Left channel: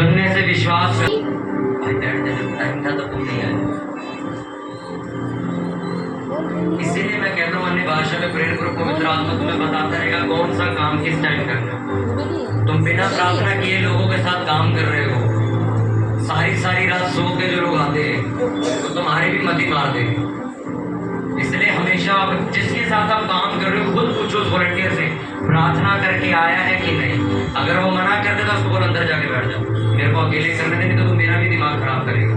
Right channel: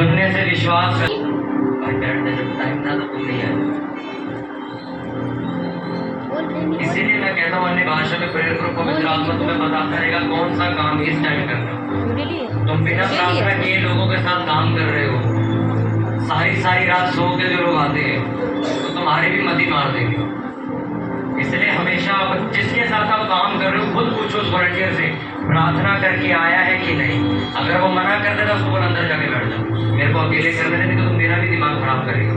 सुनने से विश्वास कर। भाई बैठने जब टाइम था तो तुम नहीं आए, इसीलिए मैं कहता हूँ अन्य भाषा में प्रेयर करो, पवित्र आत्मा तुम्हें बताता रहेगा कौन सा काम किस टाइम करना है। तुम बिना प्रार्थना किए लोगों के साथ काम कर रहे हो, सारी रात सो के जो लोग आते हैं तो तुम्हारी भी मति मार देंगे। इसलिए हमेशा आप जिसके साथ आप काम कर रहे हो खुद पूछो उस वॉलंटियर से प्रार्थना करके आया है कि नहीं। अगर वो मना कर देगा उसको बोल अंदर जाके बैठ जाओ, मेरे को अकेले करने देंगे तो तुम मेरा भी दिमाग खराब करेगा।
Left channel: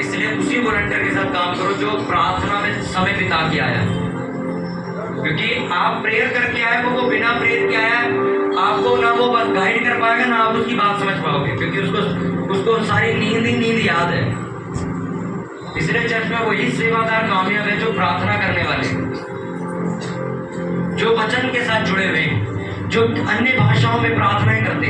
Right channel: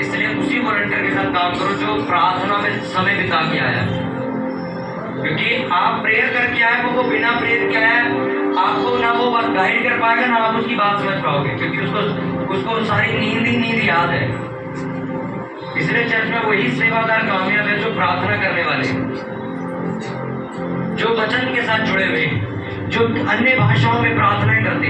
इसलिए उसी वॉलंटियर के साथ काम करो जो प्रार्थना में समय बिता के आया, क्योंकि आप प्रेयर करके आए वो बिना प्रेयर के आया, आपको ना वो गाइड कर पाएगा ना आप उसकी बात समझ पाओगे, क्योंकि उसको सारी नींद याद है। इसलिए चर्च में वही सेवादार कामयाब है जो प्रार्थना करने वाले, जो वचन के साथ जुड़े हुए, जो अन्य भाषाओं में प्रार्थनाएं करते।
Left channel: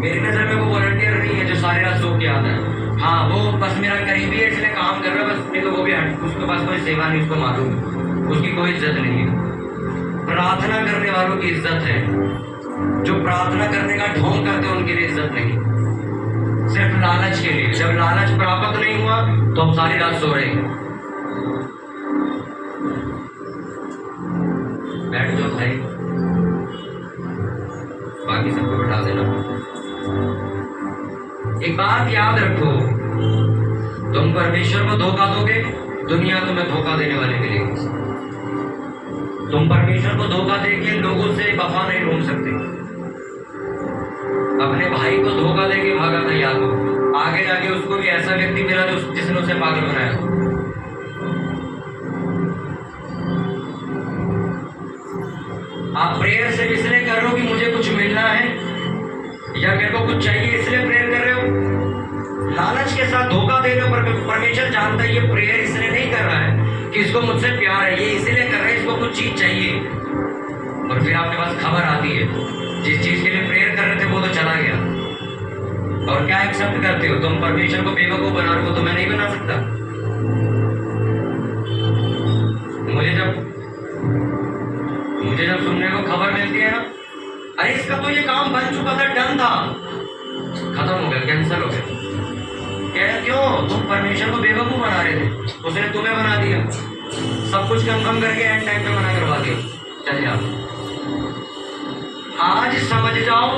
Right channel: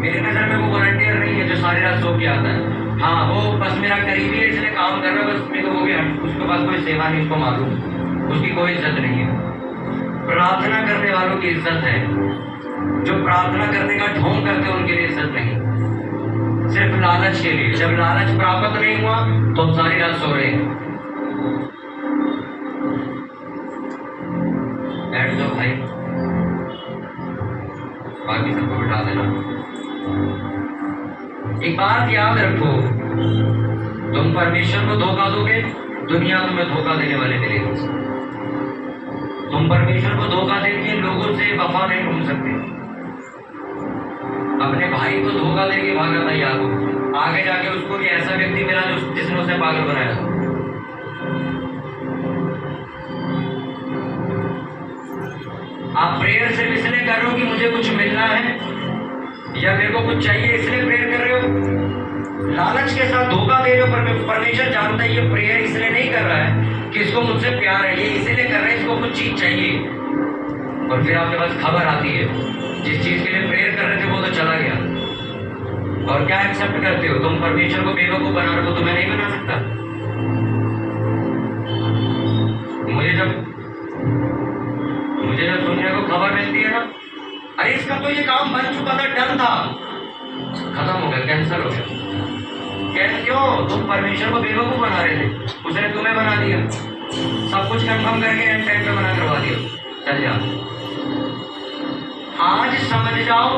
मेरी नजर में वो वॉलंटियर नहीं है जो सारी रात सो के आता है। हाँ वो बस मेरा करीबी है इसलिए काम कर रहा है, बस मेरे को वो भी उसके पास कोई सेवा नहीं, उसको मालूम, उसकी कोई इज्जत नहीं है। प्रार्थना करने वालों की इज्जत है, जो प्रार्थना करने का ढोंग करते हैं उनके लिए इज्जत नहीं, सिर्फ लालच के लिए। जब लालच प्राप्त नहीं हुआ तो हम सारी रात सो रहे हैं। बैठ जाओ भाई, बाकी सबको बिठा देना। एक बात याद रखो, तुम परमेश्वर को धोखा दोगे, दुनिया तुम्हें धोखा देने वाले मिलेगी। तुम परमेश्वर को धोखा देके लोगों से वफा नहीं ढूंढ सकते। अपने भाई को धोखा देके भागा था, याद हो, आगे जाके उसको भी ऐसा व्यक्ति मिला जो जिसने उसे पागल बनाया। आप प्रेयर सिर्फ इसलिए कर रहे हो कि मुझे कुछ मिलना है या मेरे को कुछ चाहिए इसलिए प्रेयर कर रहे हो, लालच के साथ धोखा दे रहे हो। परमेश्वर जानता है ये प्रेयर इसलिए नहीं कर रहा है कि इसको मुझसे प्यार है, ये इसलिए कर रहे हैं इसको कुछ चीज चाहिए। और फिर आपके पास खबर आती है जिस चीज के लिए प्रेयर कर रहे थे वो तो चला गया, और क्या एक्सेप्ट करते हो? तुम परमेश्वर को बेवकूफ बना रहे हो, तो मैं नहीं बना सकता। मुझे जब सुनने को खबर मिलती है ना, अरे इसका तो ये काम बन चुका था, डन था, खत्म हो गया, कैंसिल हो गया। क्यों? तुम परमेश्वर को बेवकूफ बना रहे थे, उसने तुम्हें बना दिया, सब कुछ कंफर्म करके एंड टाइम पे मना करवा दिया। चल जाओ, आज समझ जाओ,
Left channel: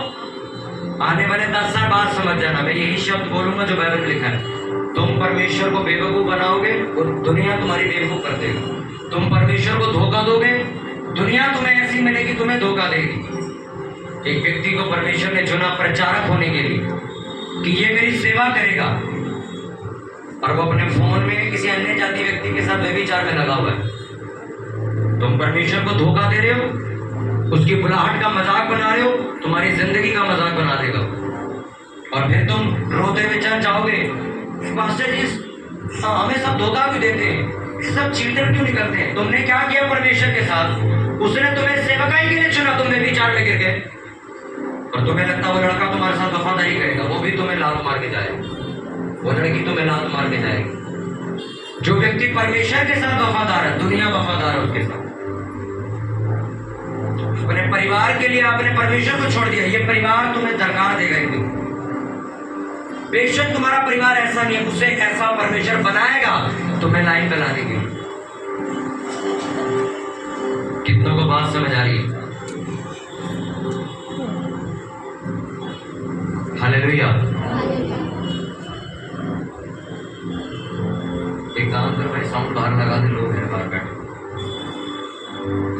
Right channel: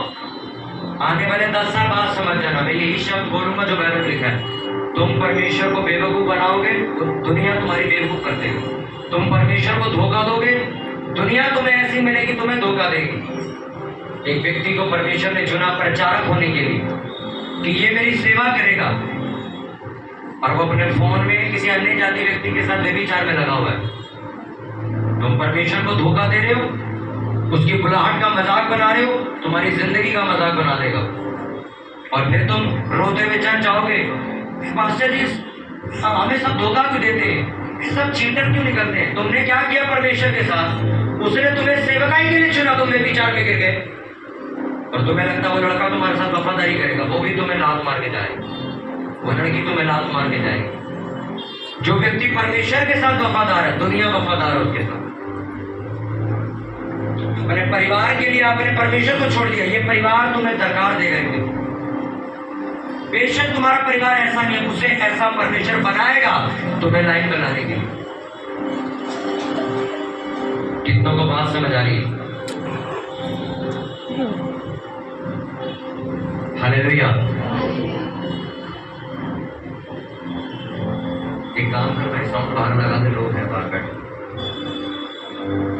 आने वाले 10 साल बाद समझ जाना। मैं यही शब्द बोलूंगा जो बाइबल में लिखा है, तुम परमेश्वर को बेवकूफ बनाओगे तो दुनिया तुम्हारी बेवकूफ कर देगी। तुम परमेश्वर को धोखा दोगे, दुनिया तुम्हें ऐसी मिलेगी तुम्हें धोखा देगी। एक व्यक्ति को परमेश्वर ने चुना प्रचारक होने के लिए कि ये मेरी सेवा करेगा, और वो अपने फोन में किसी अन्य जाति व्यक्ति के साथ व्यभिचार में लगा हुआ है। तुम परमेश्वर को धोखा दे रहे हो, उसकी बुलाहट का मजाक बना रहे हो, तुम्हारी जिंदगी का मजाक बना देगा। और फिर तुम रोते हुए चल जाओगे, पास्टर जी हमें सब धोखा क्यों देते हैं, सब चीटर क्यों निकलते हैं? तुमने क्या किया परमेश्वर के साथ? उसने तुम्हें सेवकाई के लिए चुना, तुम व्यभिचार में गिर गए, और तुम्हें लगता वो लड़का तुम्हारे साथ वफादारी करेगा, वो भी तुम्हें लात मार के जाएगा, वो लड़की तुम्हें लात मार के जाएगी। जो व्यक्ति परमेश्वर के साथ वफादार है, दुनिया वफादार है उसके साथ। अपने परिवार के लिए आपने परमेश्वर को छोड़ दिया, ये परिवार तुम्हें धरकार देगा एक दिन। बेशक तुम्हारा परिवार ऐसा नहीं है, उसे ऐसा परमेश्वर बनाएगा तुम्हें लाइन बनाने के लिए। कितनों को बात समझ आ रही है? हालेलुया। एक काम कर भाई, साउंड बाहर लगा दे, लोग हैं बाहर बैठे।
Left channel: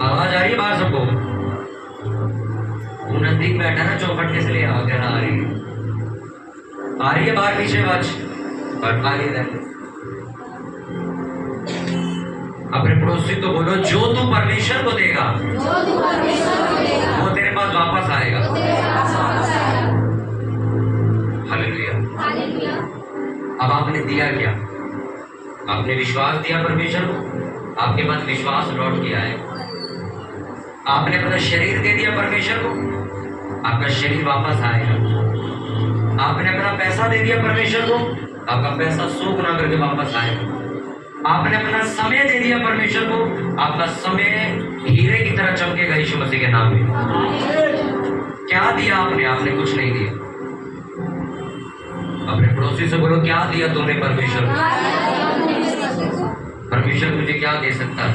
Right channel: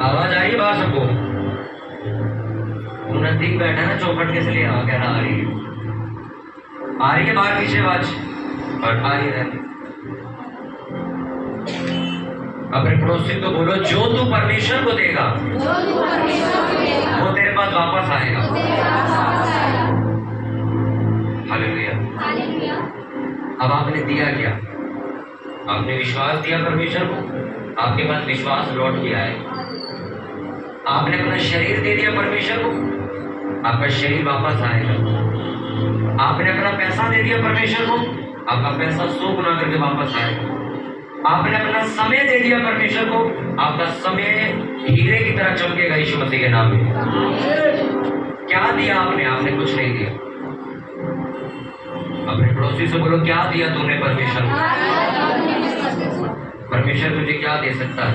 आवाज आ रही है बाहर सबको? तू नजदीक बैठा ना चौखट के, इसलिए आ गया ना। आ रही है बाहर पीछे आवाज? आ रही है। अपने पड़ोसी तो बोलो, जो तू परमेश्वर को देगा वो तेरे पास वापस आएगा। हालेलुया। अब आपने दिया क्या? आपने विश्वास दिया परमेश्वर को, आपके पास विश्वास लौट के आए। आपने अपना शरीर दे दिया परमेश्वर को, आपका शरीर वापस आएगा। आपने अपना पैसा दे दिया परमेश्वर को, आपका पैसा सो गुना करके वापस आएगा। आपने अपना समय दे दिया परमेश्वर को, आपका समय हीरे की तरह चमकेगा यीशु मसीह के नाम में। क्या दिया आपने? आपने कुछ नहीं दिया। अपने पड़ोसी से बोलो, क्या दिया तूने परमेश्वर को? परमेश्वर तुझे क्या दे सकता है?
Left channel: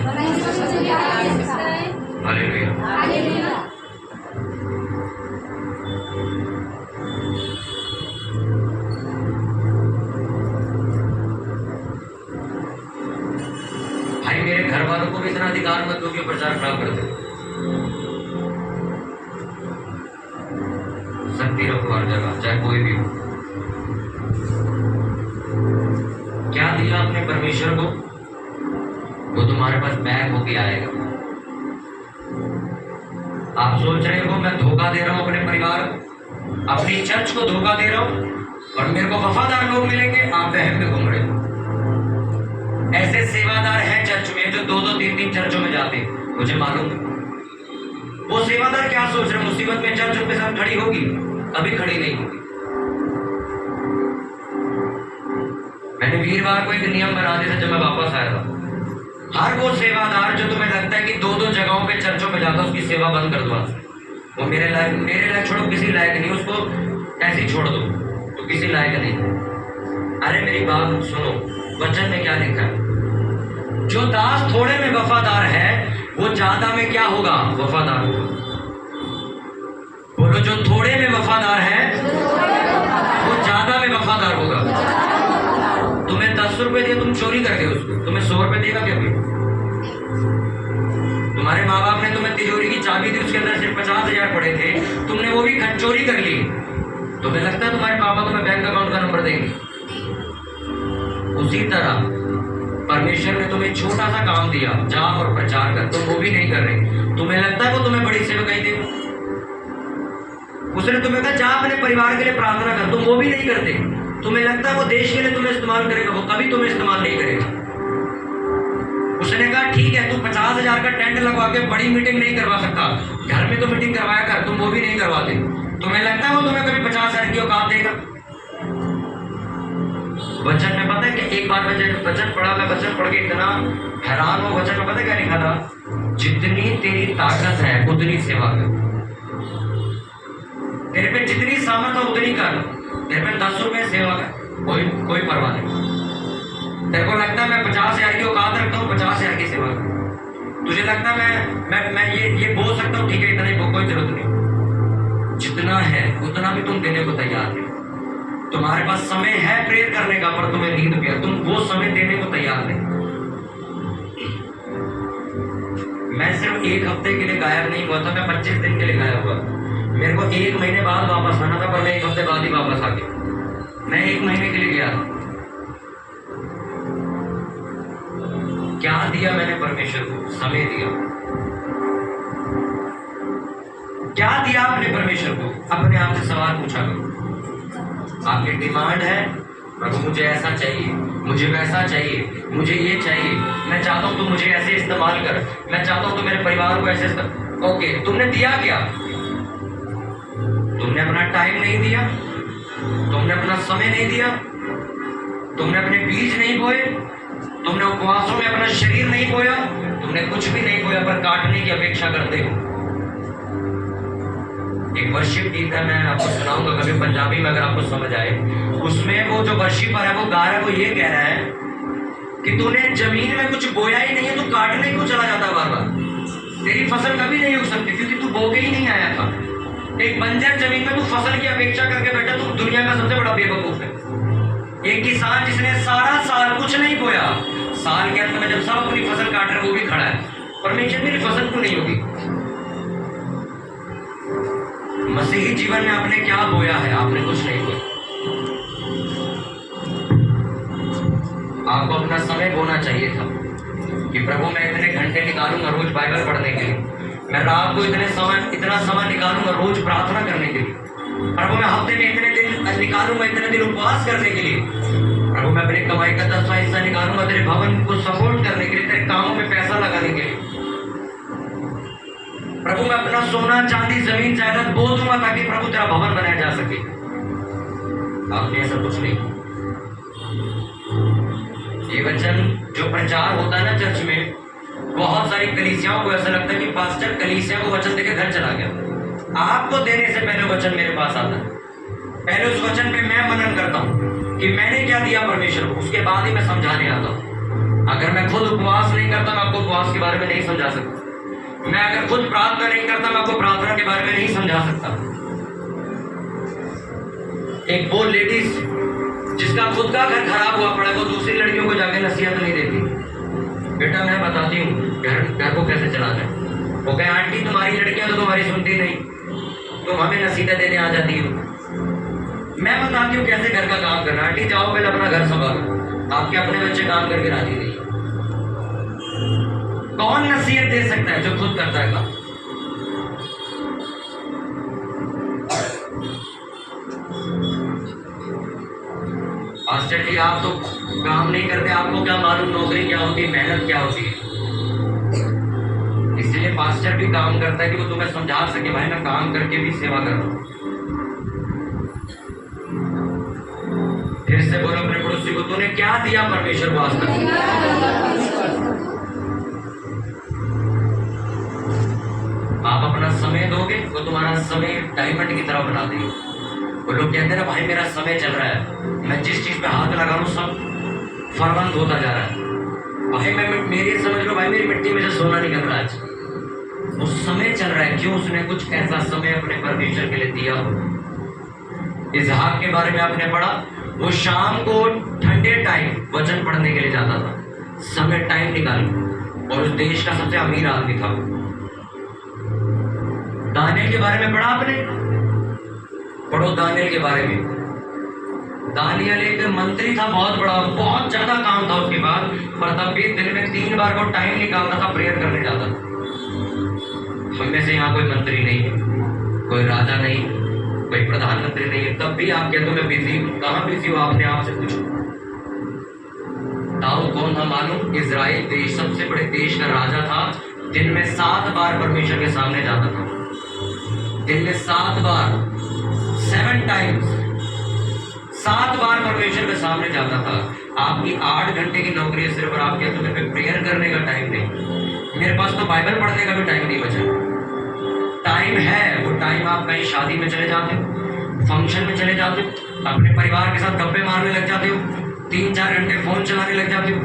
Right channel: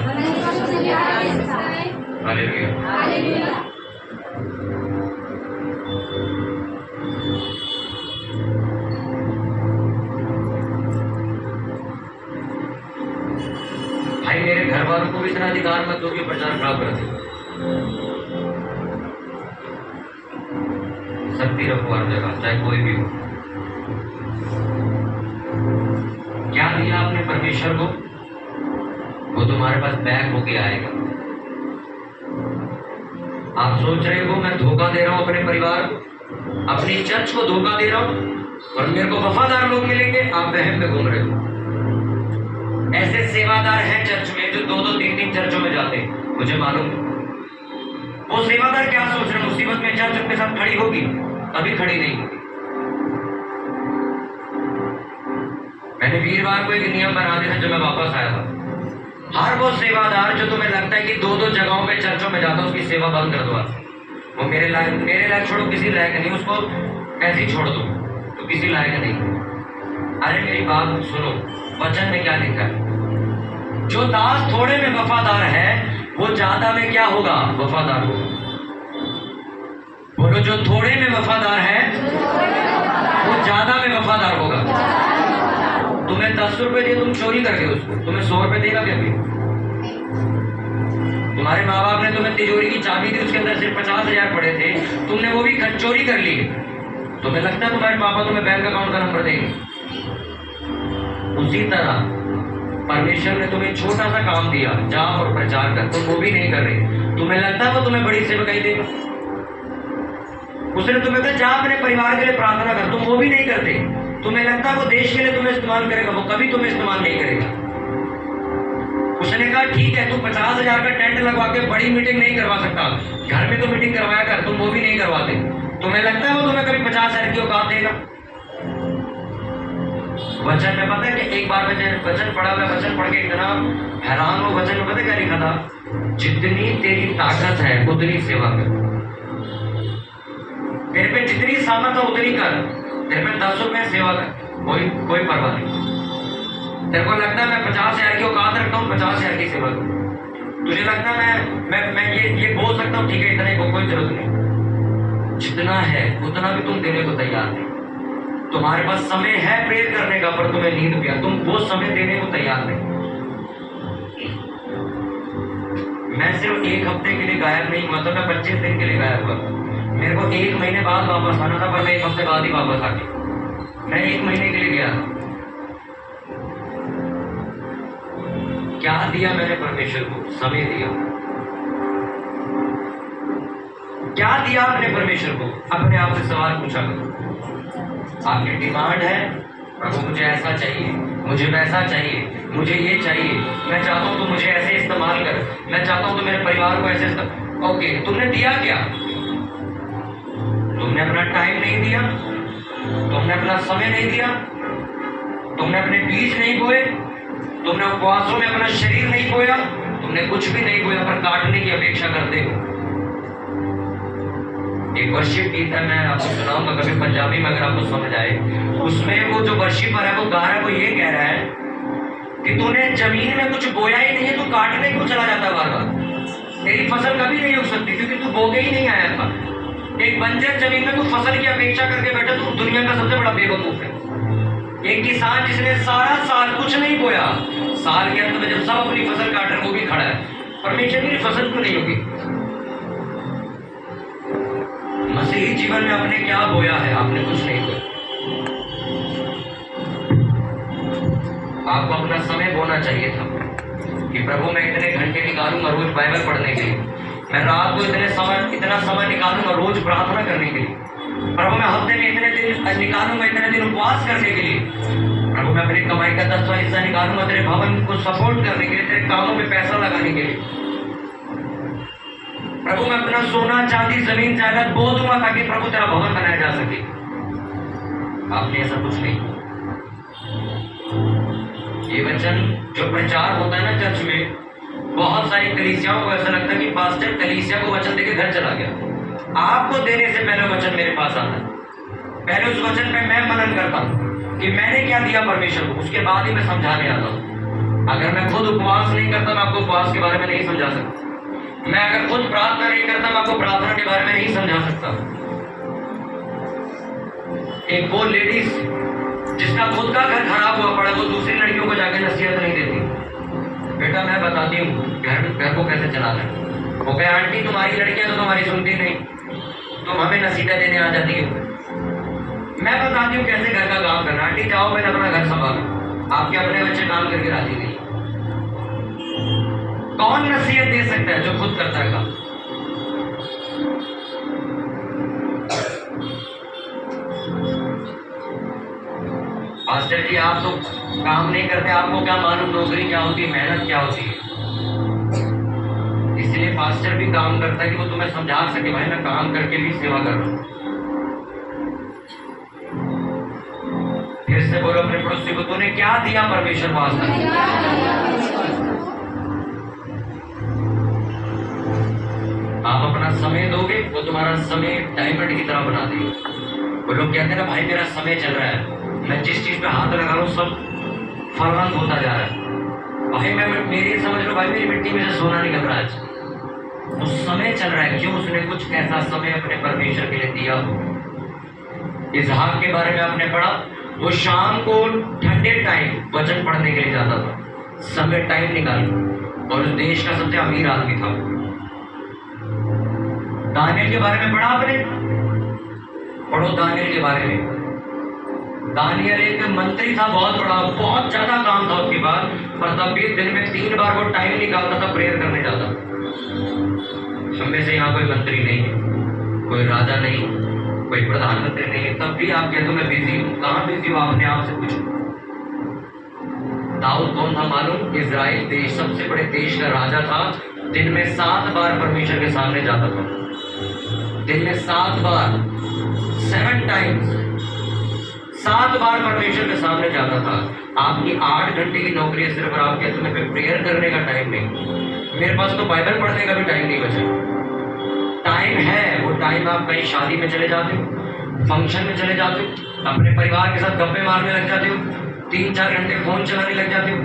हालेलुया। भाई मेरे घर वालों को भी इतना अधिकार मत दो कि प्रचार खराब कर दे। शक्ति रखो हर जगह, चाहे कोई भी हो। क्या दिया आपने परमेश्वर को? वो तुम्हारे पास बैग होके आएगा। आप सोच रहे हो मैं धोखा दे रहा हूं अपने परिवार को, अपनी चर्च को धोखा दे रहा हूं और मेरे को वफादार लोग मिलेंगे? आप वहम में घूम रहे हो। ऐसे सेवादार हैं चर्च में जो 2-2, 3-3 चर्चों में जाते हैं, मुझे मालूम है। वो सेवादार क्या सोच रहे हैं? मुसीबत में चर्च उनके साथ खड़ी होगी, कभी खड़ी नहीं होगी। मैंने वीरवार को एक नियम बना दिया था जब मैं वापस आया था। हर वो सेवादार जो तुम्हें लगता है कि 2-2 जगहों पे चर्चों में जाता है, उसकी सेवा बंद कर दो आज। वो मेरे लायक छोड़ो, किसी लायक नहीं, उसको ऐसे ही छोड़ दो, तो किसी लायक नहीं। अरे मेरी बात सुनो, वचन में क्या लिखा है? जो दास थोड़े में वफादार है वो ज्यादा में क्या होगा? वफादार होगा। बोलो, जो थोड़े में वफादार है वो ज्यादा में वफादार होगा। तुम्हें 10 रुपए दिए, तुम चोरी कर गए उसको, तुम्हें 100 रुपए देगा क्या? तुम्हारे माँ बाप ने तुम्हें तिजोरी की चाबी दी, उसके अंदर सिर्फ 50,000 पड़े थे, तुमने वो भी चोरी कर ली। तुम्हें लगता है तुम्हारे पापा तुम्हें बैंक अकाउंट का नंबर देंगे? उसी तरह परमेश्वर ने तुम्हें छोटा सा काम दिया, जा और प्रचार कर, तुम वो भी नहीं कर रहे। तुम्हें लगता है वो तुम्हें बड़ी सेवकाई देगा? उसने तुम्हें कहा जा अपने परिवार के लिए प्रार्थना कर, तुम वो भी नहीं करते। तुम्हें लगता है वो देश के लिए तुम्हें इस्तेमाल करेगा? वो कभी तुम्हें इस्तेमाल नहीं करेगा। उसने कहा ठीक है, तू 50,000 का टेंट लगवा के बड़ी मीटिंग नहीं करवा सकता, घर में तो मीटिंग करवाया कर, तुम वो भी नहीं करवाते। तुम्हें लगता है वो तुम्हें कभी 50,000 की औकात देगा? वचन में पता है कि एक बार वचन पढ़ा, मैं वचन पढ़ के इतना हैरान हूं। वचन में पता क्या लिखा था? जितनी तेरी ताकत है उतनी सेवा कर, तेरे पे जितनी सामर्थ है उतनी कर। तेरे पे 10 रुपए सेवा कर, कोई परवाह नहीं। तेरे को लगता है मैं 50,000 की औकात रखता हूँ, 50,000 की सेवा कर। तुझे लगता है मैं ये बोल सकता हूँ, ठीक है इतना ही, कोई जरूरत नहीं। जितना है उतना भी तुम देने को तैयार नहीं। तुम्हारे पास समय है प्रेयर करने का, पर तुम्हें नींद पिया, तुम वो समय देने को तैयार नहीं। मैं सिर्फ 1 हफ्ते के लिए गायब नहीं हुआ था, मैं 25 दिन के लिए गायब हुआ। मेरे को 1 महीने बाद वापस आना था, पर मैं 1 हफ्ते बाद ही वापस आ गया। मैं 1 महीने के लिए गया। क्या दिया मैंने परमेश्वर को? समय दिया। क्या दिया आपने परमेश्वर को? अपने आप से सवाल पूछा करो। आपकी डिमांड है, प्रभु मुझे ऐसा चाहिए, मुझे वैसा चाहिए, मुझे ये चाहिए, मैं चाहता हूं तुम मुझे ऐसे इस्तेमाल कर, मैं चाहता हूं तुम मेरे परिवार को ऐसे इस्तेमाल। ओके, तुमने दिया क्या? तुमने अपना टाइम नहीं दिया, तुमने अपना समय नहीं दिया, तुमने अपने बीज नहीं बोए, तुमने उपवासों में अपना शरीर नहीं बोया, तुमने कुछ भी नहीं बोया, पर काटने की अपेक्षा करते हो। एक वर्शिप गीत है, मैं आपको सुनाऊंगा कभी पंजाबी में, अगर आपको समझ आए। उसमें वो जो वर्शिपर है वो गा रहा है, वो ये कह रहा है कि तूने जमीन में कुछ बोया ही नहीं है, तू काटने क्यों चला जाता बार बार? तेरी फसल कभी नहीं उग सकती, क्योंकि तू बो के ही नहीं आया था। एक बंजर जमीन में तू फसल की अपेक्षा करके बैठा, तू दुनिया का सबसे बड़ा बेवकूफ है। एक किसान जिसने सारा साल कुछ नहीं बोया, साल के अंत में जब सब अपनी फसल काट रहे वो भी खड़ा है, परमेश्वर की फसल क्यों नहीं होगी? मसीही जीवन में आपने क्या बोया है? आपने कुछ नहीं बोया। आपको अपना समय बोना चाहिए था कि प्रभु मैं इतने घंटे निकालूंगा रोज बाइबल पढ़ने के लिए, मैं रात को इतना समय निकालूंगा रोज प्रार्थना करने के लिए, प्रभु मैं हफ्ते में इतने दिन निकालूंगा, इतने दिन उपवास करने के लिए, प्रभु मैं अपनी कमाई का 10वां हिस्सा निकालूंगा तेरे भवन को सपोर्ट करने के लिए, तेरे कामों में पैसा लगाने के लिए। प्रभु मैं अपना सोना चांदी जमीन जायदाद बो दूंगा ताकि प्रभु तेरा भवन बनाया जा सके। आपने ऐसा कुछ नहीं। ये वचन जो प्रचार होता है ना चर्च में, बहुत सारी कलीसियाओं को ऐसा लगता है कि पास्टर कलीसिया को वचन देके घर चला गया। आपको देने से पहले वचन मेरे पास आता है। पहले उस वचन पे मैं मनन करता हूँ कि मैंने क्या दिया परमेश्वर को, उसके बाद ही मैं समझाने आता हूँ। अगर मैं खुद उपवास नहीं करता, मैं आपको उपवास के बारे में नहीं समझा सकता। मैं अगर खुद प्रार्थना नहीं करता, मैं आपको प्रार्थना के बारे में नहीं समझा सकता। एक वो लेडीज जिसका खुद का घर खराब हुआ पड़ा, वो दूसरी लड़कियों को जाके नसीहत नहीं देती, बेटा मैं बताती हूँ घर को कैसे चलाना है। वो कहे आंटी तुम्हारी लड़कियां तो तुम्हारी सुनती नहीं, तुम हमें नसीहत देने आ जाती हो। मैं बताती हूँ कैसे घर का काम करना। आंटी जाओ पहले अपना घर संभालो, आपके अपने बच्चे काम करके राजी नहीं। कौन नसीहत दे सकता है? जो खुद करता है काम। पास्टर जी आप तो काम नहीं करते, आपको क्या मालूम नौकरी क्या होती है, मेहनत क्या होती है। इसलिए पास्टर भी काम करता है कि वो तुम्हें समझा सके, भाई मैं काम करके भी सेवा कर रहा हूं। फिर से बोलो अपने पड़ोसी को, तूने क्या दिया परमेश्वर को आज तक? आप अपना समय दोगे, वो तुम्हारा समय डायमंड की तरह बना देगी। वो लोग कहते हैं ना भाई मेरा समय चल रहा है, मैं जिस चीज पे हाथ लगा रहा हूँ सब फलवंत होता जा रहा है। भाई मैं मेरी समझ लो भाई मेरी मिट्टी में से सोना निकल रहा है। उस समय चल रहा है, क्यों? उसने कुछ ऐसा समय अपने परमेश्वर के लिए दिया हो। इसहाक के बारे में आपने पढ़ा, वो शाम को ठंडे टाइम वचन पढ़ने के लिए जाता था, समय टाइम निकाल, और उस देश का सबसे अमीर आदमी था। दानियल के बारे में पढ़ा आपने? पढ़ो दानियल के बारे में। दानियल एक मंत्री था, बहुत बड़ा, बहुत ज्यादा काम था उसके पास, पर तब भी दिन में 3 बार वो टाइम निकालता था, प्रेयर करने जाता। हम में से यहाँ कोई मंत्री नहीं है, कोई राजा नहीं, कोई प्रधानमंत्री नहीं है, तब भी आप कहते हो मैं बिजी हूँ। कहाँ बिजी हो? आपने आपसे पूछो। दाऊद कौन था मालूम? इजराइल देश, सबसे बड़े देश का राजा था। दिन में 7 बार परमेश्वर के सामने जाता था। दिन में 7 बार, 7 टाइम्स, 7 बार परमेश्वर के सामने जाता था। आपकी 8 घंटे की नौकरी है सिर्फ, आप कहते हो मेरे पे प्रेयर करने का टाइम नहीं, मेरे पास तो बाइबल पढ़ने का भी टाइम नहीं बचा। टाइम है, वो टाइम आप कहीं शादी में चले जाते हो, फंक्शन में चले जाते हो, अपने परिवार के साथ गप्पे मारने लग जाते हो, 3-4 घंटे फोन चलाने लग जाते हो।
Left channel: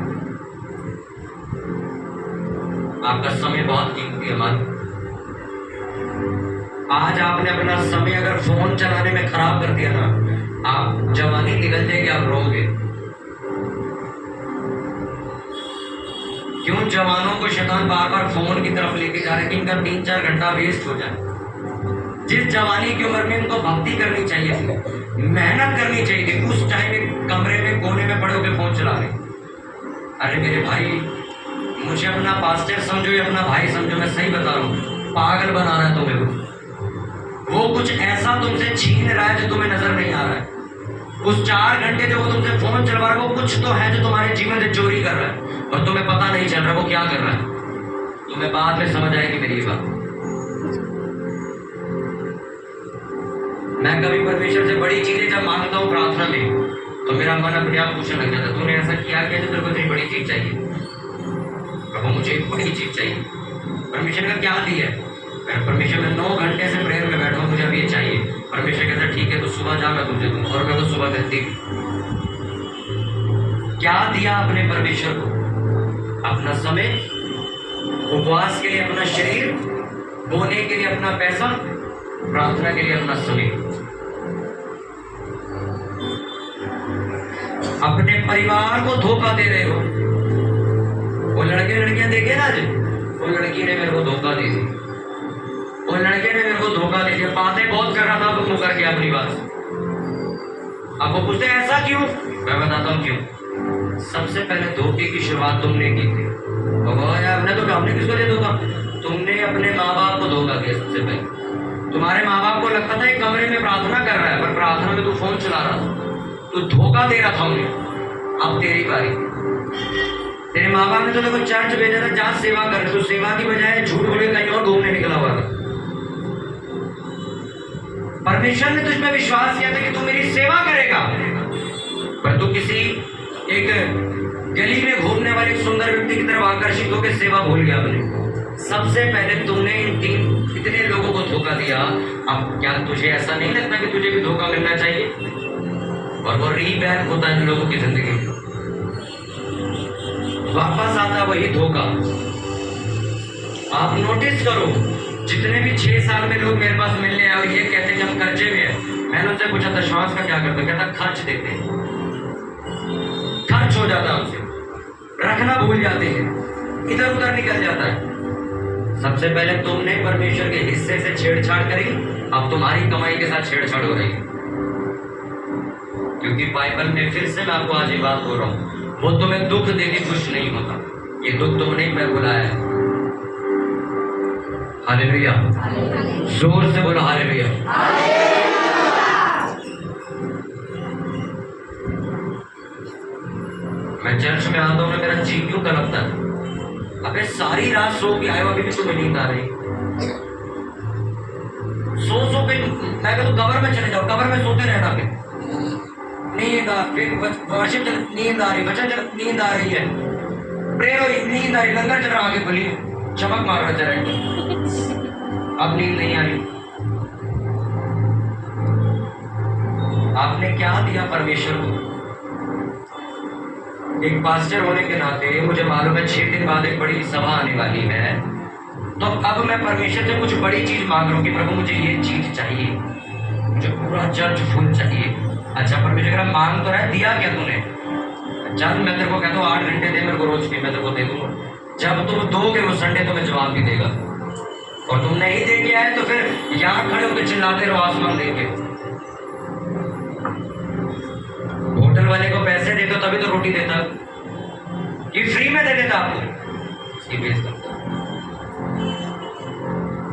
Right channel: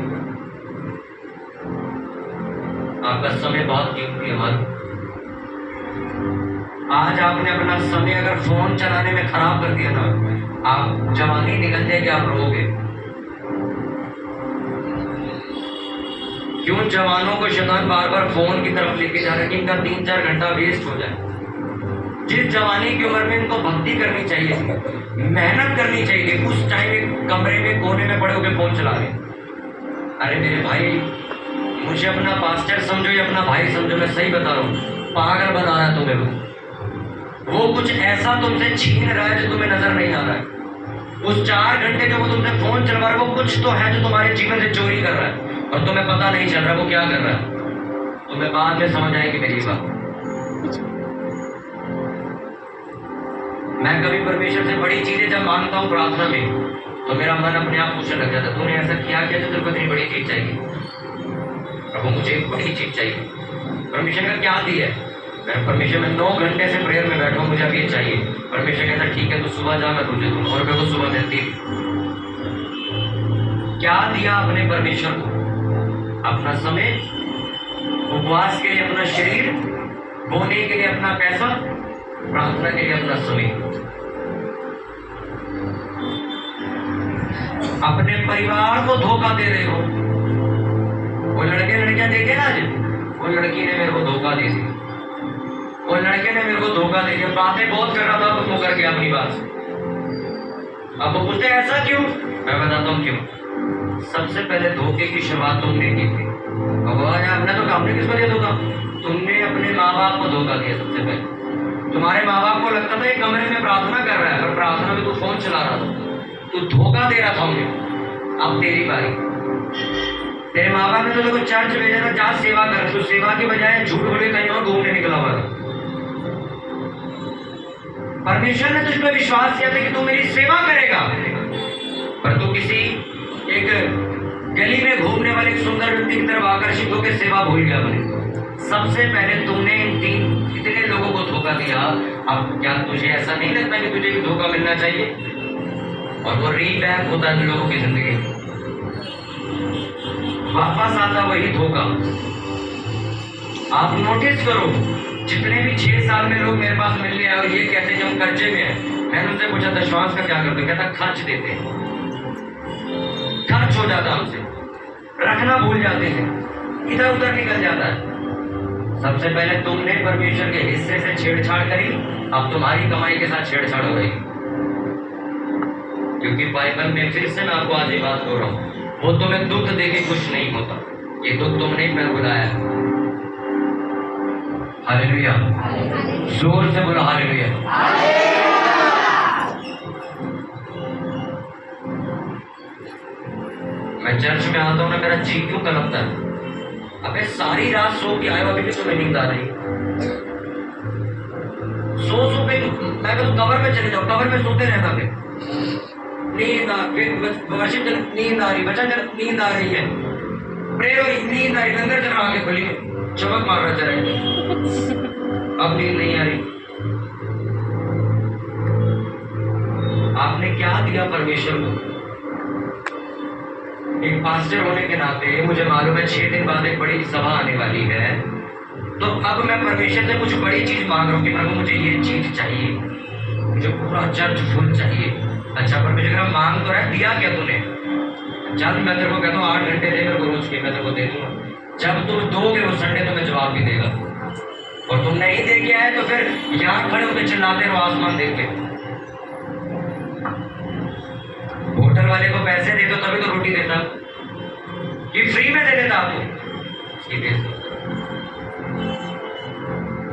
आपका समय बहुत कीमती है मालूम। आज आपने अपना समय अगर फोन चलाने में खराब कर दिया ना, आप जवानी निकल जाएगी, आप रोगे। क्यों जवानों को शैतान बार बार फोन की तरफ लेके जा रहे हैं कि इनका 3-4 घंटा वेस्ट हो जाए। जिस जवानी की उम्र में इनको भक्ति करनी चाहिए थी, मेहनत करनी चाहिए थी, उस टाइम एक कमरे में कोने में पड़े होकर फोन चला रहे। अरे मेरे भाई, मुझे अपना पास्टर समझो या अपना भाई समझो, मैं सही बता रहा हूँ, पागल बना रहा है तुम्हें। वो कुछ ऐसा तुमसे छीन रहा है जो तुम्हें नजर नहीं आ रहा है। उस 4 घंटे जो वो तुमसे फोन चलवा रहा है, वो कुछ तो है जो तुम्हारे जीवन से चोरी कर रहा है और तुम्हें पता नहीं चल रहा वो क्या कर रहा है। तुम्हें बाद में समझ आएगी मेरी बात। मैं कभी परमेश्वर से बड़ी चीजें जब मांगता हूँ प्रार्थना में, तो मेरा मन अपने आप पूछने लग जाता है तूने ऐसा क्या जो तेरे को इतनी बड़ी चीज चाहिए? प्रभु मुझे एक बड़ी चीज चाहिए। परमेश्वर का क्या दिया है? मैं परमेश्वर में 9 घंटे से प्रेयर में बैठा हूँ, मुझे अब ये चाहिए। परमेश्वर कहता ठीक है, तो सुबह जा, मैं तुझे दूँ। और मेरे को सुबह मिलती। क्या दिया अपने परमेश्वर को? अपना समय, उपवास के लिए अपना शरीर, बोने के लिए अपना पैसा, प्रार्थना के लिए अपना समय। अपने परिवार को धोखा दे रहे हो। वो लड़के लड़कियां देखे ना, आज वो लड़की ने मेरे को धोखा दे दी, वो लड़के ने मेरे को धोखा दे दिया। बातें बहुत कर रहा था तो कर गया अपनी बात। अब वो पूछते ऐसा क्यों? मैं बताता हूँ क्यों। सबसे पहले धोखे की शुरुआत तुमने की थी। हमने तो हमने किसको दिया धोखा? तुमने अपने माँ बाप को धोखा दिया। सबसे पहले तुम्हारे माँ बाप को लगता था एक कमरे में प्रार्थना कर रहा है, पर प्रार्थना में तू फोन चला रहा था, तू धोखा दे रहा था उन्हें। अब तेरी बारी। तेरे माँ बाप ने तो देखो चर्च भेजा था, जहाँ सेवा कर, तू सेवा की बजाय झूठ बोले कहीं और घूमने निकला हुआ था। परमेश्वर ने तुझ पर विश्वास किया था कि तू मेरी सेवा करेगा, पर तू किसी एक गली में घूमने वाले एक सुंदर व्यक्ति की तरफ आकर्षित होकर सेवा भूल गया अपने। सबसे पहले तुमने इन तीन इतने लोगों को धोखा दिया, अब क्या तुझे ऐसा नहीं लगता कि तुझे भी धोखा मिलना चाहिए? और वो रीबैक होता है लोगों की जिंदगी में, वापस आता वही धोखा। आप नोटिस करो, जितने भी 6 साल के लोग मेरे पास मिलने आए और ये कहते हैं कि हम कर्जे में हैं, मैंने उनसे पूछा दशवांश का क्या करते हो? कहता खर्च देते हैं, खर्च हो जाता है उनसे, रखना भूल जाते हैं, इधर उधर निकल जाता है। सबसे पहले तुमने परमेश्वर के हिस्से से छेड़छाड़ करी, अब तुम्हारी कमाई के साथ छेड़छाड़ हो रही। क्योंकि बाइबल में फिर से मैं आपको आज ये बात बोल रहा हूं, वो तुम्हें दुख देके खुश नहीं होता, ये दुख तुमने ही बुलाया है। हालेलुया, जोर से बोलो हालेलुया। मैं चर्च में आता हूं ना, मेरा जी क्यों कलपता है? अबे सारी रात सो के आयो, अभी भी तुम्हें नींद आ रही? सो के मैं कहता कवर में चले जाओ, कवर में सोते रहना, फिर नींद आ, फिर वर्शिप नींद आ रही, वचन नींद आ रही है, प्रे हो रही, नींद आ रही, लंगर चला आगे खोलिए, चमक मार रहे थे, अब नींद नहीं आ रही। आपने क्या दिया परमेश्वर को? एक पास्टर होने के नाते मुझे मालूम है 6 दिन बाद एक बड़ी सभा आने वाली है, तो अब मैं परमेश्वर से कुछ बड़ी चीज मांग रहा हूँ कि प्रभु मुझे ये चीज चाहिए, मुझे पूरा चर्च फुल चाहिए। अच्छा परमेश्वर कह मांग तो रहा है, दिया क्या तूने? चल मैं तेरे को कहता हूँ 8 घंटे दे मेरे को रोज के, मैं तेरे को दे दूंगा। जब तुम दोगे वो संडे तो मैं जवाब भी देगा, और तुम नहीं दे के आए तो फिर यहाँ खड़े होकर चिल्लाते रहो आसमान देख के। होटल वाले को पैसे दे दो तभी तो रोटी देता, ये फ्री में दे देता आपको, इसकी बेइज्जती।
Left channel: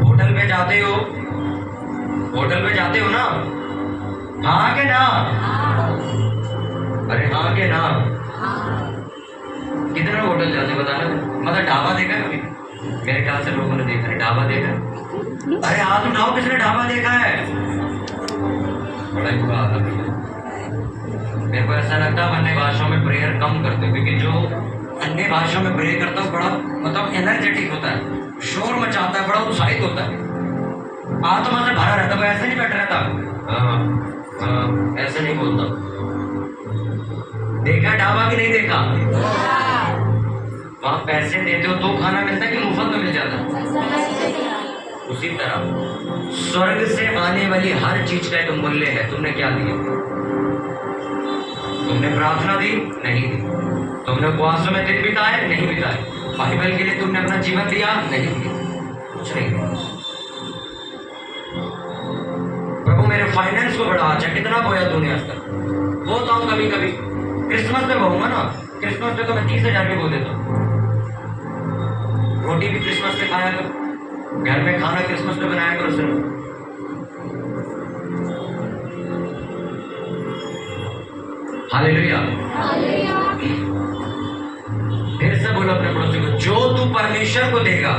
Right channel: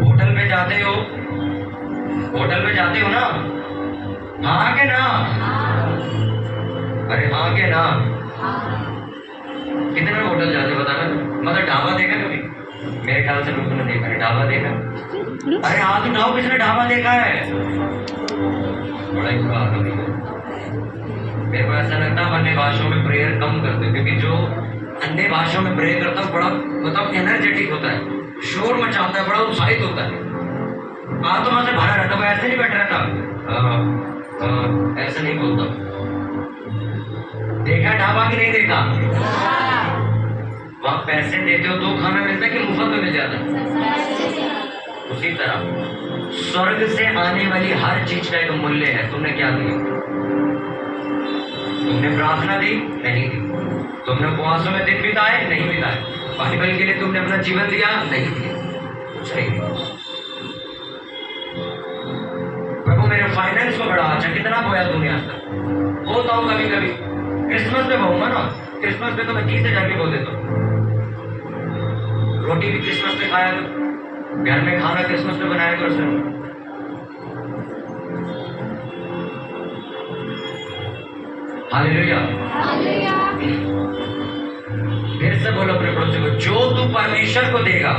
होटल में जाते हो, होटल में जाते हो ना, हाँ के ना? अरे हाँ के ना? कितने लोग होटल जाते बताना, मतलब ढाबा देखा कभी? मेरे ख्याल से लोगों ने देखा है ढाबा, देखा? अरे हाथ उठाओ किसने ढाबा देखा है? बड़ा ही बुरा हाल है। मेरे को ऐसा लगता है अन्य भाषाओं में प्रेयर कम करते हो, क्योंकि जो अन्य भाषाओं में प्रेयर करता है बड़ा मतलब एनर्जेटिक होता है, शोर मचाता है, बड़ा उत्साहित होता है, आत्मा से भरा रहता है। ऐसे नहीं बैठ रहता, ऐसे नहीं बोलता। देखा ढाबा कि नहीं देखा? वहां पैसे देते हो तो खाना मिलता है कि मुफ्त में मिल जाता? उसी तरह स्वर्ग से आने वाली हर चीज का एक मूल्य है। तुमने क्या दिया? तुमने प्रार्थना दी? नहीं दी। तुमने उपवासों में दिन बिताए? नहीं बिताए। बाइबल के लिए तुमने अपना जीवन दिया? नहीं दिया, कुछ नहीं दिया। प्रभु मेरे फाइनेंस को बढ़ा, अच्छा कितना बोया तूने आज तक? बोता हूँ कभी कभी, क्रिसमस पे बोऊंगा ना, क्रिसमस पे तो मैं 30,000 की बो देता हूँ। रोटी भी क्रिसमस पे खाया करो, घर में खाना क्रिसमस पे बनाया करो सिर्फ। हालेलुया। फिर से बोलो अपने पड़ोसी को, जो तू परमेश्वर को देगा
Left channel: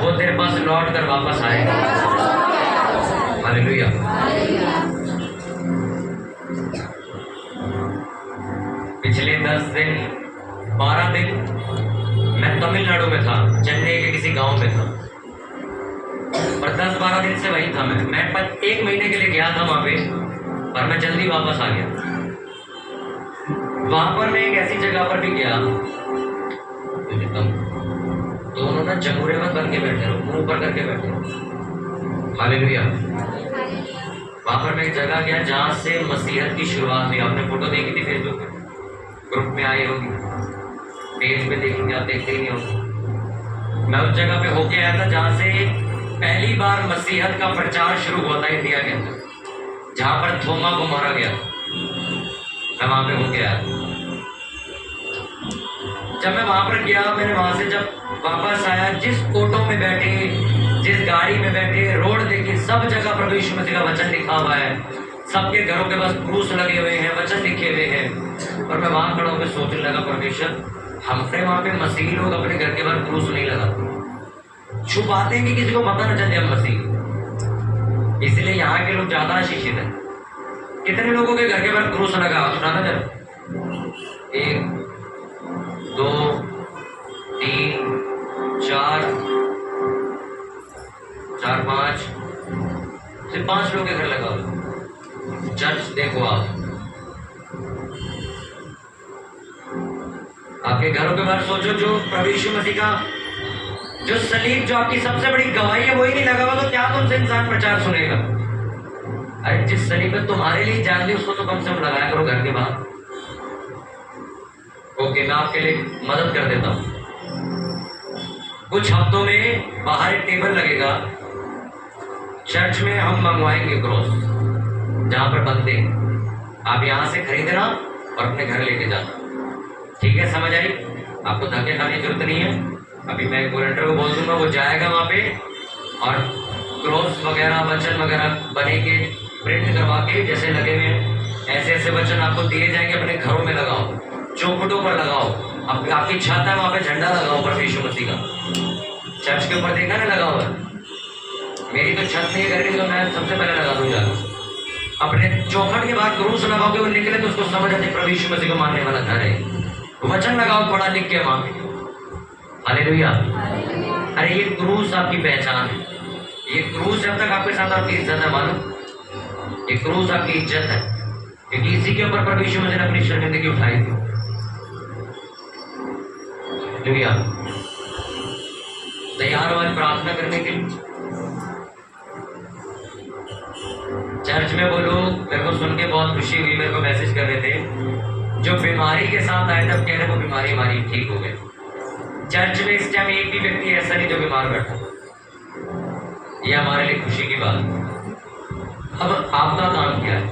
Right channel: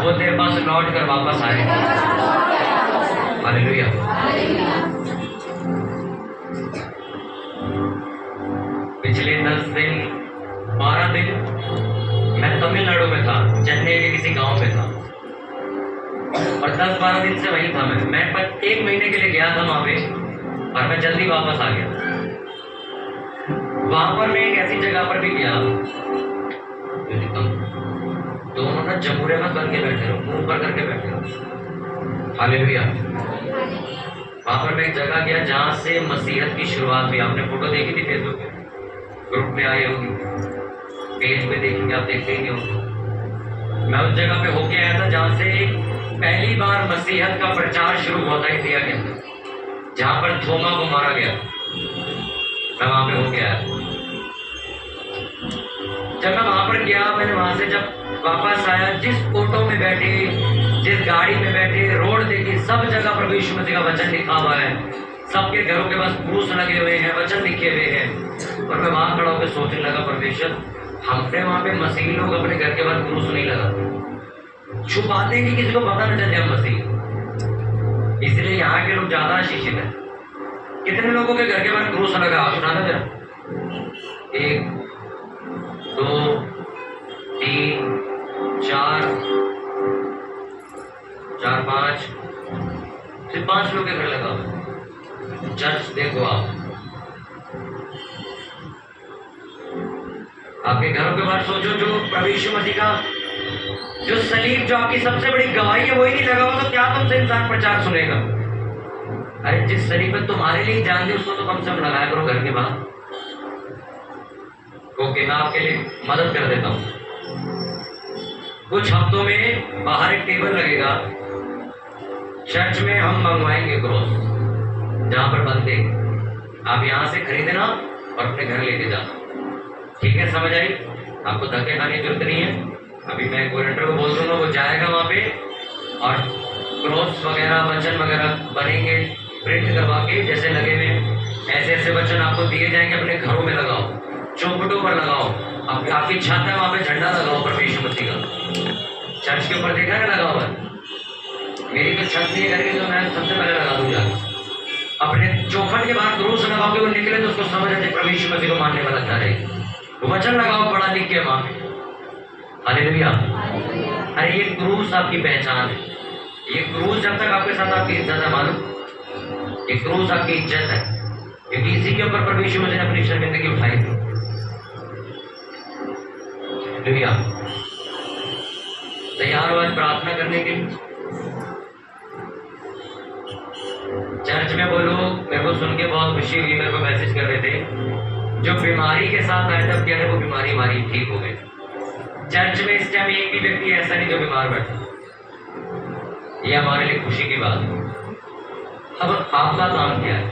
वो तेरे पास लौट कर वापस आएगा। हालेलुया। पिछले 10 दिन 12 दिन मैं तमिलनाडु में था, चेन्नई के किसी गांव में था, और 10-12 दिन से वहीं था। मैं पर 1 महीने के लिए गया था वहां पे, और मैं जल्दी वापस आ गया। वहां पर मैं एक ऐसी जगह पर भी गया, दोनों ना जमूरे में बन के बैठे रहो, मुंह ऊपर करके बैठे रहो। हालेलुया। वहां पर मैं एक जगह गया जहां से मसीहत की शुरुआत हुई। आपने फोटो देखी थी फेसबुक पे, ग्रुप में आई होगी, पेज पे देखेंगे आप, देखते ही होंगे। मैं उस जगह पे होके आया था जहां से पहली बार मसीहत का प्रचार शुरू हुआ था इंडिया के अंदर, जहां पर थोमा को मारा गया। मैं वहां पे होके आया। जब मैं वहां पर गया, मैंने वहां से जब वापस आया, जिस ऑटो में बैठे, जिस गाड़ी में बैठे, रोड देखी, सब जगह प्रभु यीशु मसीह का वचन लिखा हुआ है। सबके घरों के पास क्रूस लगे हुए हैं, वचन लिखे हुए हैं। और मैं वहां खड़ा होकर सोचने लगा, परमेश्वर हमने वहां पे मसीही लोग अपने घर के बाहर क्रूस नहीं लगाते, छुपाते हैं कि किसी को पता न चले हम मसीह, इसलिए यहाँ के लोग ज्यादा आशीषित है। कितने लोगों के घर के बाहर क्रूस लगा? सुनाना जरा। 1 2 3 4 4 5 सिर्फ 5 लोग के घर लगा हुआ चर्च। देखो आपके घरों के बाहर सोचो, जो प्रभु यीशु मसीह का जो सलीब, जो आपकी सबसे बड़ी गवाही है, वही नहीं लगा हुआ तो क्या तुमसे इंसान प्रचार सुनेगा? अरे जिस सलीब पे तुम्हारे लिए जान दी उसको तो कम से कम लगाया करो घर के बाहर। ओके, मैं आपके लिए मदद कर देता हूँ। कुछ हफ्तों में बाहर एक टेबल लगेगा चर्च में, हम मंगवाएंगे क्रॉस जहां पर बनते, आप यहां से खरीदना और अपने घर लेके जाना। ठीक है, समझ आई? आपको धक्के खाने की जरूरत नहीं है। अभी मैं वॉलंटियर को बोल दूंगा, वो जाएगा वहां पे और क्रॉस वगैरह वचन वगैरह बनेंगे, प्रिंट करवा के जैसे लगे हुए ऐसे ऐसे वचन आपको दिए जाएंगे। अपने घरों में लगाओ, चौखटों पर लगाओ, आपकी छत है वहां पे झंडा लगाओ प्रभु यीशु मसीह का। चर्च के ऊपर देखा ना लगा हुआ है, मेरी तो छत नहीं है घर की, तो मैं सबसे पहले लगा दूंगा। अपने चौखट के बाहर क्रूस लगाओगे, वो निकले तो उसको समझ आते प्रभु यीशु मसीह को मानने वाला घर है। वचन लगाओ पढ़ा लिख के वहां। हालेलुया। अरे ये क्रूस आपकी पहचान है। ये क्रूस जब तक आपके साथ आपकी इज्जत है, मालूम, ये क्रूस आपकी इज्जत है, क्योंकि इसी के ऊपर प्रभु यीशु मसीह ने अपनी शर्मिंदगी उठाई थी। हालेलुया। तैयार हो प्रार्थना करने के लिए? चर्च में वो लोग मेरे को सुन के बहुत खुशी हुई, मेरे को मैसेज कर रहे थे जो बीमारी के साथ आए तब कह रहे वो बीमारी हमारी ठीक हो गई। चर्च में इस टाइम एक भी व्यक्ति ऐसा नहीं जो बीमार बैठा, ये हमारे लिए खुशी की बात है। अब आपका काम क्या है?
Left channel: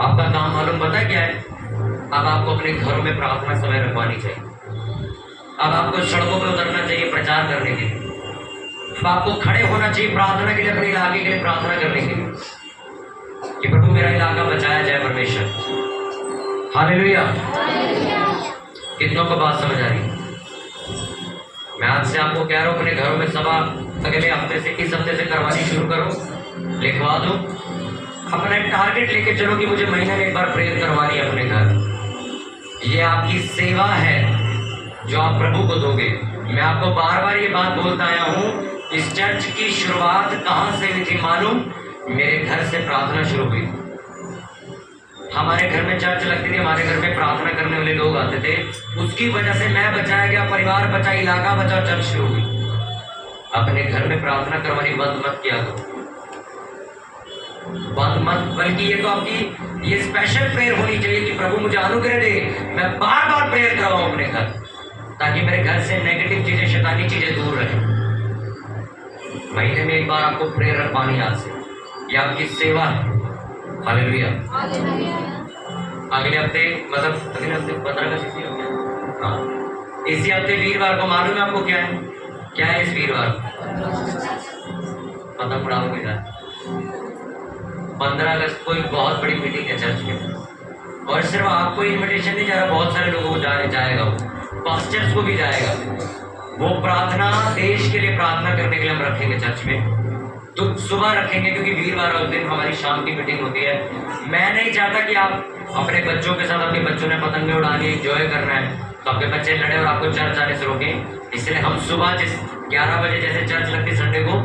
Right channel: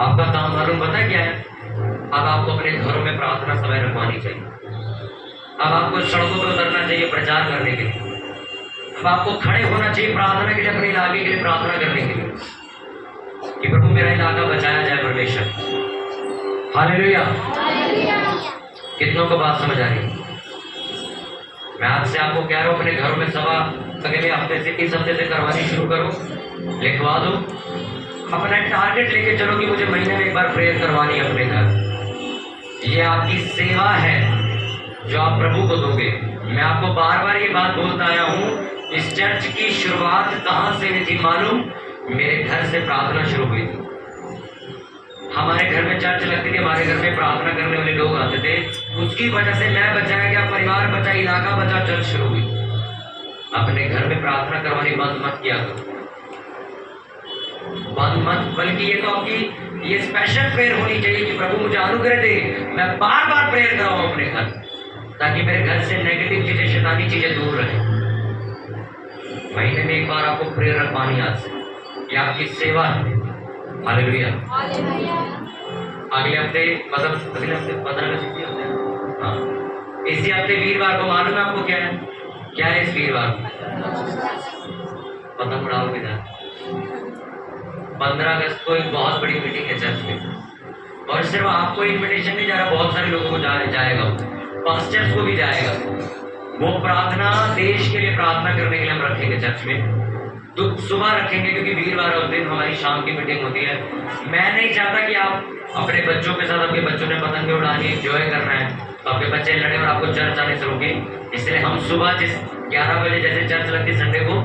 आपका काम मालूम पता क्या है? अब आपको अपने घरों में प्रार्थना समय रखवानी चाहिए। अब आपको सड़कों पर उतरना चाहिए प्रचार करने के लिए। अब आपको खड़े होना चाहिए प्रार्थना के लिए, अपने इलाके के लिए प्रार्थना करने के लिए कि प्रभु मेरा इलाका बचाया जाए परमेश्वर। हालेलुया। कितनों को बात समझ आ रही? मैं आज से आपको कह रहा हूँ, अपने घरों में सभा अगले हफ्ते से, इस हफ्ते से करवानी शुरू करो, लिखवा दो, अपना टारगेट लेके चलो कि मुझे महीने में एक बार प्रेयर करवानी है अपने घर। ये आपकी सेवा है जो आप प्रभु को दोगे। मैं आपको बार बार ये बात बोलता आया हूँ, इस चर्च की शुरुआत कहाँ से हुई थी मालूम? मेरे घर से प्रार्थना शुरू हुई थी। हमारे घर में चर्च लगती थी, हमारे घर में प्रार्थना करने वाले लोग आते थे, उसकी वजह से मैं बचाया गया, परिवार बचा, इलाका बचा, चर्च शुरू हुई। अपने घर में प्रार्थना करवानी बंद मत किया करो, बंद मत, बल्कि ये तो आपकी ये स्पेशल प्रेयर होनी चाहिए कि प्रभु मुझे अनुग्रह दे, मैं बार बार प्रेयर करवाऊं अपने घर, ताकि मेरे घर से नेगेटिव चीजें, शैतानी चीजें दूर रहे। महीने में एक बार आपको प्रेयर रखवानी आज से, ये आपकी सेवा है। हालेलुया। अगले हफ्ते, मतलब अगले हफ्ते 15 का इसी हफ्ते, हाँ इसी हफ्ते वीरवार को, मालूम है आपको क्या है? क्या है इस वीरवार? पतंग उड़ाओगे जा। 15 अगस्त को एक बहुत बड़ी मीटिंग है चर्च में, और सिर्फ आपको इन्विटेशन नहीं जा रहा, बहुत सारे लोगों को जाएगा, पास्टर्स को भी जाएगा। वो प्रार्थना, देश के लिए प्रार्थना करने के लिए हम रखेंगे चर्च में, तो सुबह रखेंगे, क्योंकि वीरवार उस दिन हमारी शाम की मीटिंग होती है। मैं नहीं चाहता कि आप अपने बच्चों के साथ, आपके बच्चों ने पतंगे उड़ानी, एंजॉय करना है, तो आपके बच्चे लड़े और आपको चर्च आने से रोके। इसलिए हम सुबह जिस 11 बजे जैसे चर्च लगती संडे को,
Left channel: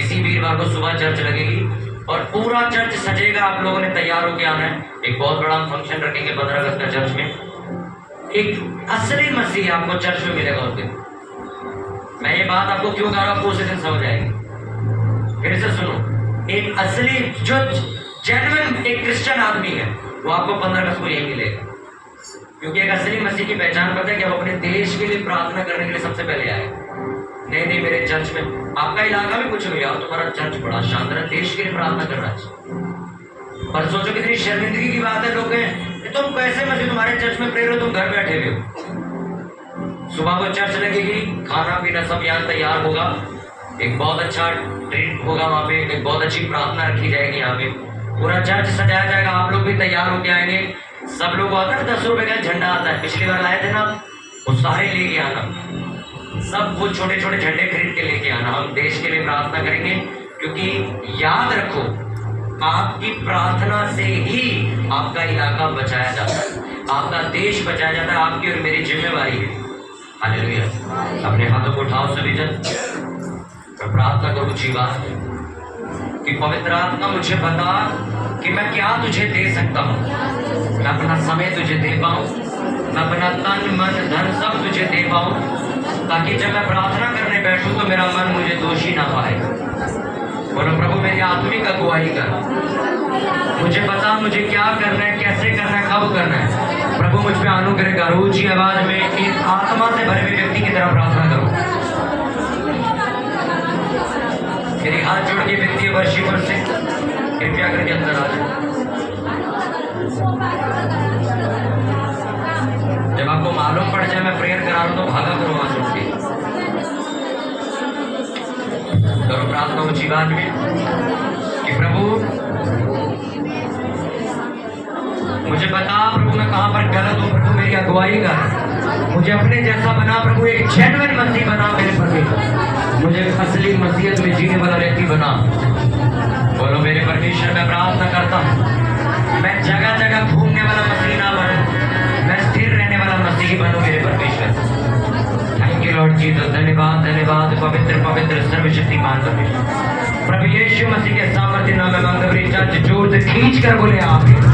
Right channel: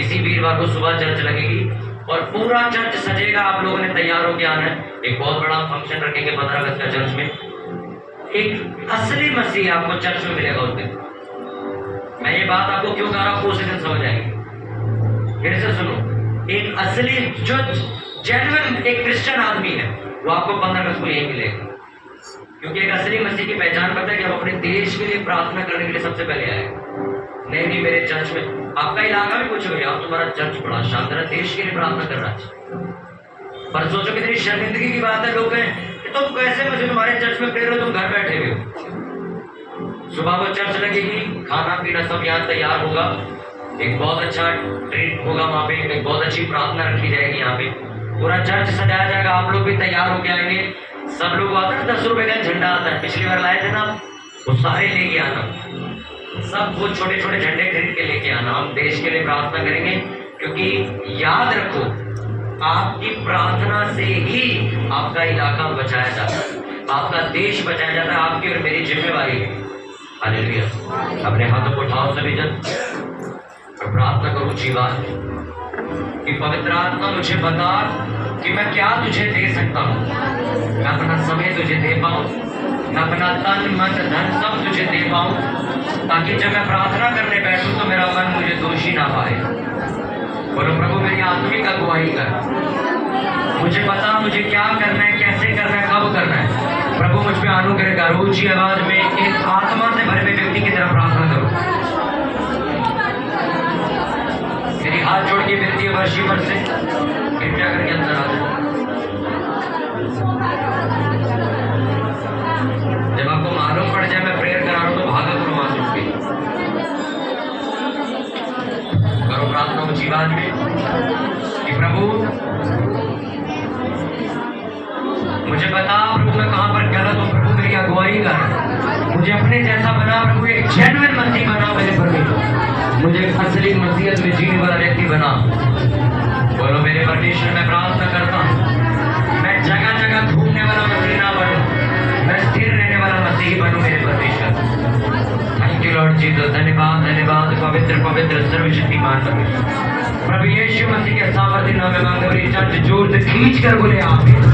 इसी वीरवार को सुबह चर्च लगेगी और पूरा चर्च सजेगा। आप लोगों ने तैयार होकर आना है। एक बहुत बड़ा फंक्शन रखेंगे 15 अगस्त का चर्च में। एक असली मसीह आपको चर्च में मिलेगा उस दिन। मैं ये बात आपको क्यों कह रहा हूँ, उसी दिन समझ आएगी। फिर से सुनो, एक असली जो जेन्युइन एक क्रिश्चियन आदमी है, वो आपको 15 अगस्त को यही मिलेगा, क्योंकि एक असली मसीह की पहचान पता है कि आप अपने देश के लिए प्रार्थना करने के लिए सबसे पहले आए। नहीं मेरे चर्च में, आपका इलाका भी पूछो भैया, तुम्हारा चर्च बड़ा शानदार है, देश के लिए प्रार्थना करना चाहिए। पर सोचो कितनी शर्मिंदगी की बात है, लोग हैं तुम कैसे मसीह, तुम्हारे चर्च में प्रेयर हो, तुम घर बैठे हुए हो। सुबह को चर्च लगेगी, खाना पीना सब यहाँ तैयार होगा, एक बहुत अच्छा ट्रीट होगा वहाँ पे, एक बहुत अच्छी प्रार्थना रखी जाएगी यहाँ पे, पूरा चर्च सजाया जाएगा, आप लोग भी तैयार होके आएंगे। सब लोग आता है 10 रुपए का झंडा आता है, पिछली बार लाए थे ना, वो सारे लेके आना, सब वो छोटे छोटे झंडे खरीद के लेके आना। हम देश के लिए प्रार्थना करेंगे, क्योंकि याद रखो आपकी प्रार्थना से ही आपका इलाका बचाया जाता है, आपका देश बचाया जाता है, आपकी और मेरी जिम्मेवारी है। हालेलुया। अपने हाथों को उठाओ सभी जन और प्रार्थना करो जीवन कि पवित्र आत्मा मुझे बता कि मैं क्या तुझे दे सकता हूँ। मैं अपना समय तुझे दे पाऊँ, मैं अपना तन मन धन सब तुझे दे पाऊँ, ताकि जब मैं प्रार्थना करने बैठूं तो मेरा मन मुझे दोषी ना पाए। बोलो प्रभु मेरी आत्मिक अगुवाई कर, मुझे बता मुझे क्या करना है, कैसे करना है, कब करना है। प्रभु मुझ पे अनुग्रह कर। ऊंची आवाज में एक आत्मा से भरे हुए व्यक्ति की तरह प्रार्थना करो। मेरी हाथ जोड़ के वित्तीय वर्षीवर से कृपया करके अंदर आ जाओ। जब आपको मालूम पड़ जाए मैं प्रेयर करा रहा हूं तो भागा करो वहां से उठ के। करो प्रार्थना ऊंची आवाज में कि प्रभु मुझे बता प्रभु मैं कहां पर गलत हूं। प्रभु मेरी अगुवाई कर, मुझे अपने जैसा बना प्रभु, एक जेन्युइन मसीह बना मेरे प्रभु, मुझे असली मसीहत में जीने वाला व्यक्ति बना। बोलो मेरे परमेश्वर मैं प्रार्थना करता हूँ मैं जगह जगह घूमने वाला मसीह ना बनूं, मैं स्थिर रहने वाला मसीह बनूं मेरे परमेश्वर। Thank you Lord Jesus. धन्यवाद धन्यवाद पवित्र पवित्र सर्वशक्तिमान परमेश्वर। प्रभु यीशु मसीह के सामर्थ्य नाम में मांगते हैं, जोर से खींच कर बोले आमीन।